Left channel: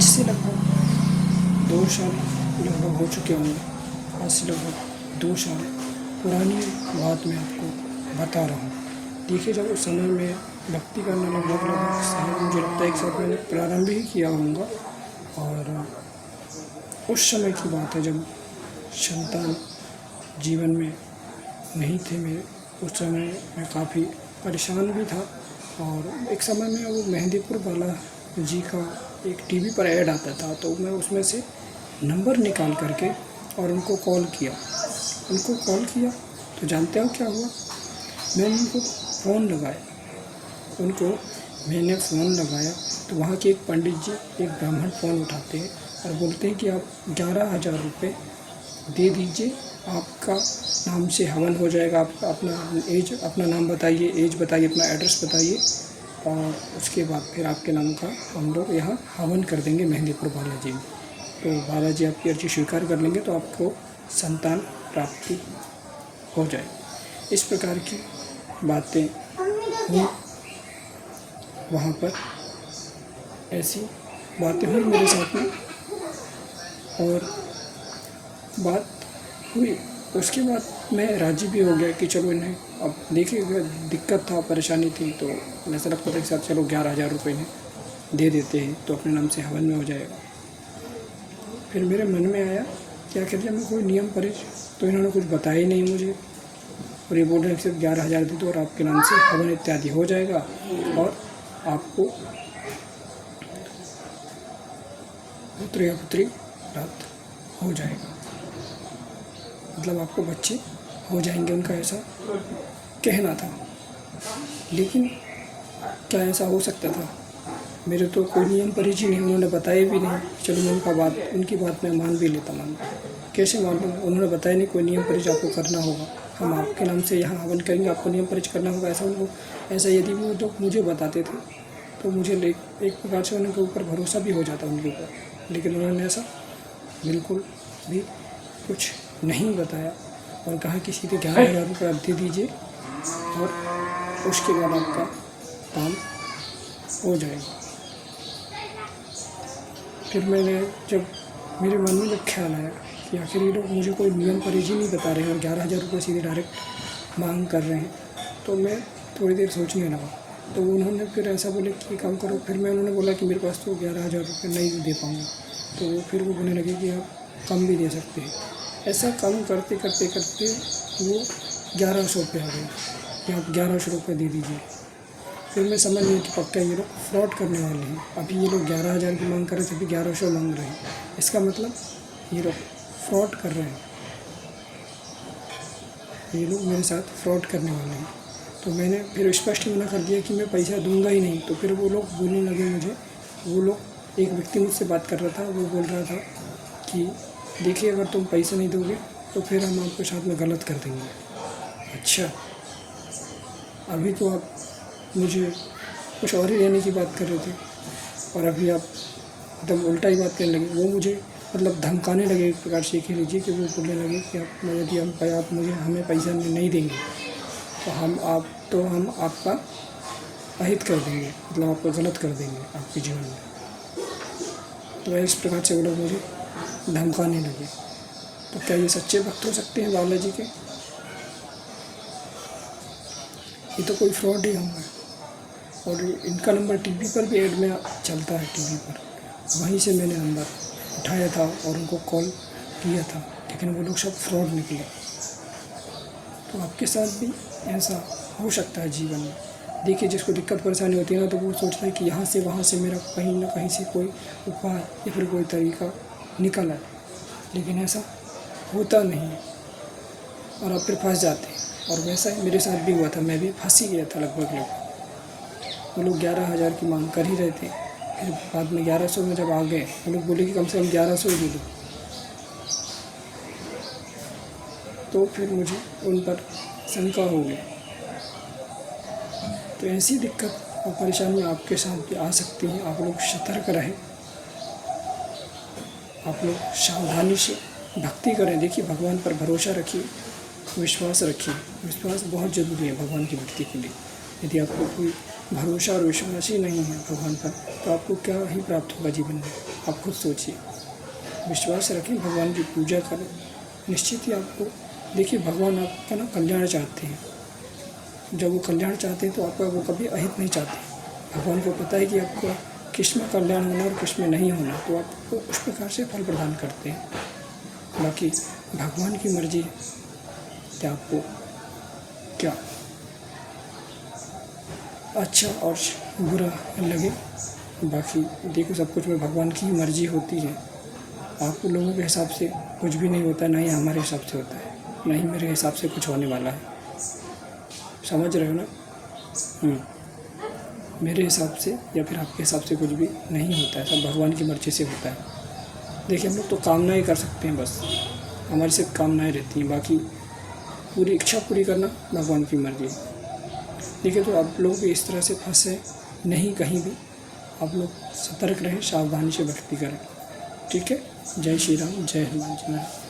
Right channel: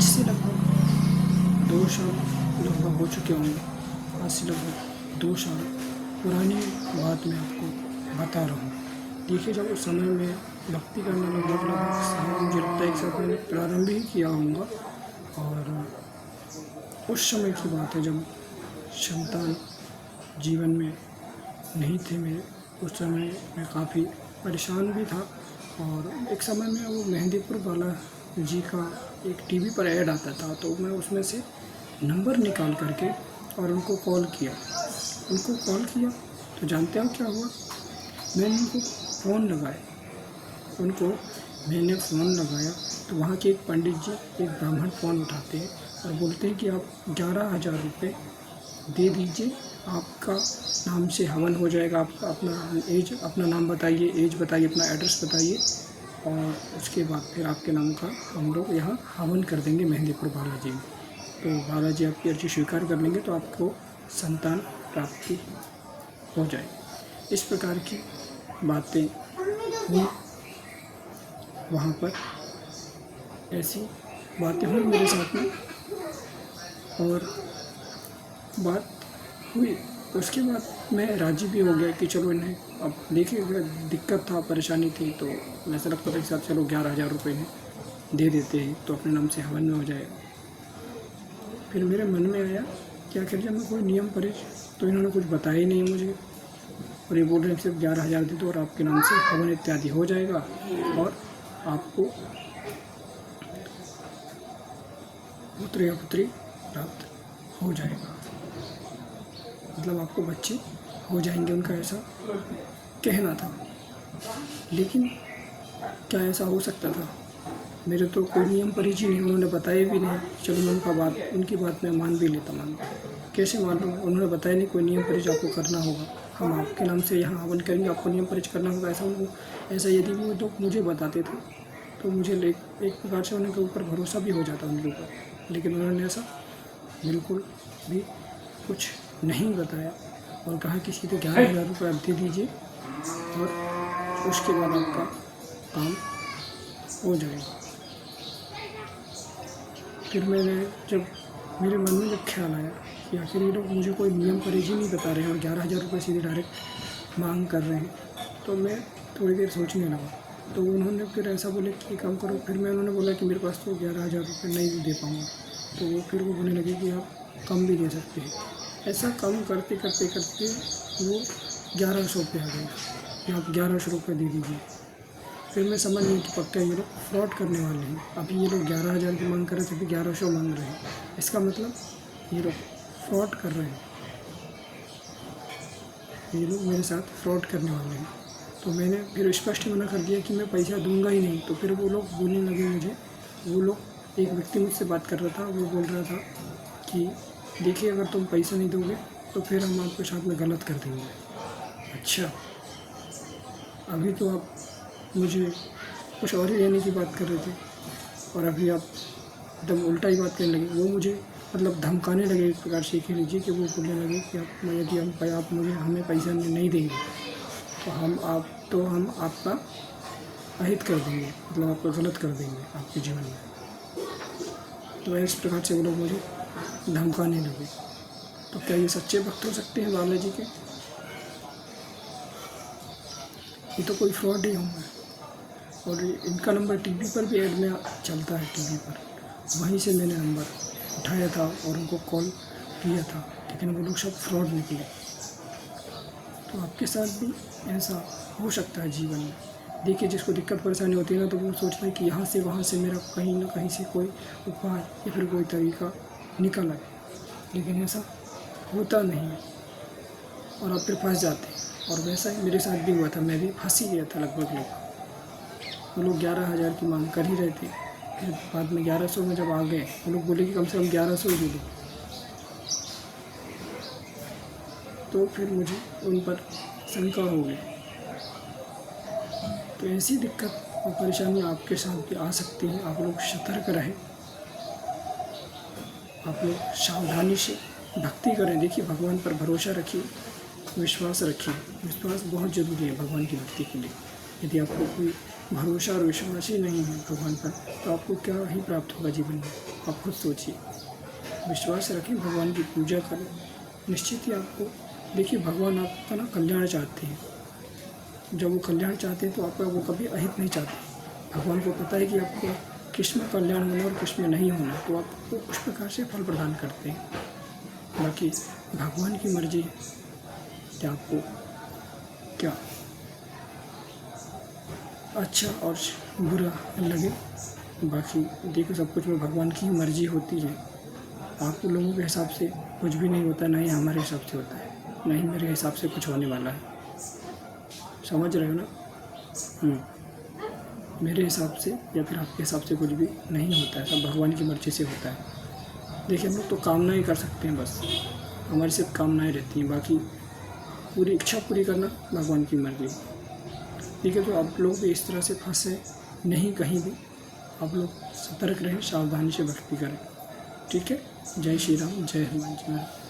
आज से लगभग 2 साल लगभग हो चुके होंगे। आज से लगभग 2 साल पुरानी बात मैं आपको बता रहा हूँ। देखिए, जब उस समय में भक्ति करने लगभग शायद मुझे लगता है एक साथ मैंने प्रारंभ ही किया होऊंगा। और उस समय की बात है जब संतान जीवन में नहीं थे मेरे। उस समय मैं काफ़ी परेशान भी था। और एक समय में वो मेहंदीपुर बाला जी का एक टीवी पर ऐड आता था, तो मैं उसमें से नंबर निकाल करके और उनको कॉल किया। तो जानते हो क्या हुआ? मैंने मैंने फ़ोन लगाया तो वहाँ के एक पंडित जी, एक ब्राह्मण फ़ोन उठाते हैं और बोलते हैं कि आप 11,000 रुपये दे दीजिए, आपका नाम से हवन हो जाएगा। आपका अपना नाम बताइए, एज बताइए, अपना एड्रेस बताइए, और उसके बाद फिर आपके नाम का हम लोग यहाँ हवन कर देंगे मेहंदीपुर बालाजी में। तो बालाजी आपकी अर्जी स्वीकार कर लेंगे तो आपको संतान प्राप्ति हो जाएगी। इस प्रकार की बातें हुई वहाँ पर, ऐसी बातें हुई मेरे साथ में। और बात हुई, उसके बाद मैं राज़ी भी हो गया कि चलो इन्हें, अब देखिए दिक्कत था, परेशानी थी, तो ऐसा लगता था एक साथ चलो 11,000 रुपये इन्हें दे देते हैं तो अपने नाम से हवन में हो जाएगा। फिर मेरे मन में आया कि आखिर जब मैं कोई नियम पढ़े तो इन्होंने कुछ बताया ही नहीं मुझे, और ये बोल रहे हैं सिर्फ 11,000 दे दो और आपके नाम से हवन इत्यादि हो जाएगा और आपको पुत्र या पुत्री प्राप्त हो जाएगा, मतलब आपको बच्चे हो जाएंगे, उनका ऐसा कहना था। लेकिन क्या ऐसा हो सकता था? मेरे तो कोई नियम परिचय नहीं, उन्होंने बताया भी नहीं। चलो मैं उनकी बात मैं मान भी लेता हूँ। कैसे मान लूँ? उन्होंने बताया नहीं कोई नियम परिचय आपको करना होगा, हम आपके नाम से यहाँ हवन करेंगे, आपको नियम परिचय करना होगा, ऐसा यदि वो तो मुझे बताते थे तो मुझे एक प्रकार से उनके ऊपर भरोसा भी हो जाता उनके ऊपर। लेकिन उन्होंने ऐसा बिल्कुल भी कुछ नहीं बताया और कहा कि सीधे 11,000 रुपये आप दे दीजिए और उसके बाद आपका काम हो जाएगा। फिर जब मेरे मन में जब ख्याल आया कि आखिर ये लोग मुझे कोई नियम परिचय नहीं बता रहे हैं और 11,000 रुपये सीधे डायरेक्ट मांग कर रहे हैं, तो मैं थोड़ी देर सोचने लगा। तो उन्होंने फिर ऐसा बोले कि काम करो। फिर उन्होंने बोला कि मेरे पास तो 11,000 रुपये नहीं दे पाऊँगा। तो फिर वो बोलने लगे कि आप कम भी दे सकते हैं। ऐसा कम करते करते करते वो 1100 पे आ गई कि आप 1100 रुपये दे दीजिए। फिर मैं समझ गया कि पक्का ये लोग फ्रॉड करने वाले हैं। अभी ये लोग 11,000 की मांग कर रहे थे, अभी 1100 मांग रहे हैं। इसका मतलब ये लोग फ्रॉड कर रहे हैं, ये लोग मेरे साथ फ्रॉड करने वाले हैं। तो मैंने फिर स्पष्ट मना कर दिया कि मैं पैसा दूंगा ही नहीं। तो फिर वो लोग बोलने लगे मुझे, एक व्यक्ति मुझसे बात कर रहा था, वो बोल रहा था कि देखिए अगर तुम पैसा नहीं दोगे तो फिर हम आपके साथ में गलत कर देंगे। अच्छा, अभी तो आप मुझे कुछ और ही लेने की बात कर रहे थे और अभी आप एकदम उल्टा ही बात करने लगे। वो मुझे मतलब धमकाने लगे एक प्रकार से, कह लीजिए कि वो बोलने लगे कि आप हमें पैसा नहीं देंगे तो हम आपका अहित कर देंगे, मतलब आपको गलत कर देंगे आपके जीवन में। तो इस प्रकार से वो लोग मुझे धमकाने लगे। तो क्या ये सच्चे भक्त हो सकते हैं बालाजी के? ये तो कोई फ्रॉड ही होंगे। और इनका नंबर टीवी पर भी ऐड में चलता है, टीवी पर, वहीं से मैंने नंबर उठाया था और उनको कॉल किया था, लेकिन वो लोग सब फ्रॉड निकले। तो आपके साथ भी ऐसा हो सकता है जीवन में। देखिए, जिसको दिक्कत परेशानी होती है ना, तो वो सोचता है कि यहाँ से वहाँ से मेरा कहीं ना कहीं से कोई उपाय या फिर कोई तरीका निकल आए, लेकिन ऐसा होता नहीं है और आप फिर फंस जाते हैं। और वैसा ही मेरे साथ भी हुआ था, मैं भी फंस ही गया था लगभग। वो लोग 11,000 की मांग कर ही रहे थे। फिर बाद में 1100 में जब आ गए, वो लोग बोले कि कम से कम 1100 ही दे दो। तो फिर मुझे उन पर शंका हो गई। तो ऐसी दिक्कत और परेशानी आपके साथ भी आ सकती है। आप लोग सतर्क रहें, आप लोग सावधानी से भक्ति करें। देखिए, भगवान पर भरोसा रखिए, विश्वास रखिए। विश्वास बहुत ज़रूरी है भगवान की भक्ति के लिए। यदि आपको कोई भरोसा और विश्वास ही नहीं है भगवान पर, तो आपको क्या ही प्राप्त होगा जीवन में? आप खुद सोचिए। विश्वास रखें, भगवान की पूजा करें, निश्चित ही आपको, देखिए भगवान आपका ना कल्याण चाहते हैं। जब वो कल्याण चाहते हैं तो आपका वो कभी अहित नहीं चाहते। भगवान को पता है कि आपका किस में कल्याण होना और किस में नहीं होना, तो आपको उस प्रकार से फल प्रदान करते हैं। बाकी भगवान की मर्जी है कि आपको क्या अच्छा और बुरा लगे। बाकी देखो, सब कुछ में भगवान की मर्जी होती है। आप लोगों के हिसाब से कुछ भी नहीं होता, ना ही हमारे हिसाब से होता है, ना ही मेरे हिसाब से कुछ होने वाला है। समझ रहे हो ना? मेरे हिसाब से या फिर आपके हिसाब से कुछ भी नहीं होता है, सब भगवान की मर्ज़ी से होता है। देखिए, हम लोग तो कामनाएं कर सकते हैं, बस हमारी सिर्फ कामनाएं रहती हैं, बाकी पूरी इच्छा पूरी करना भगवान की मर्ज़ी है। देखिए, तो आप लोग भी इस तरह से फंसे नहीं कहीं भी। आप लोग सतर्क रहें, सावधानी से भक्ति करें। ठीक है? जय श्री राम, जय हनुमान जी महाराज।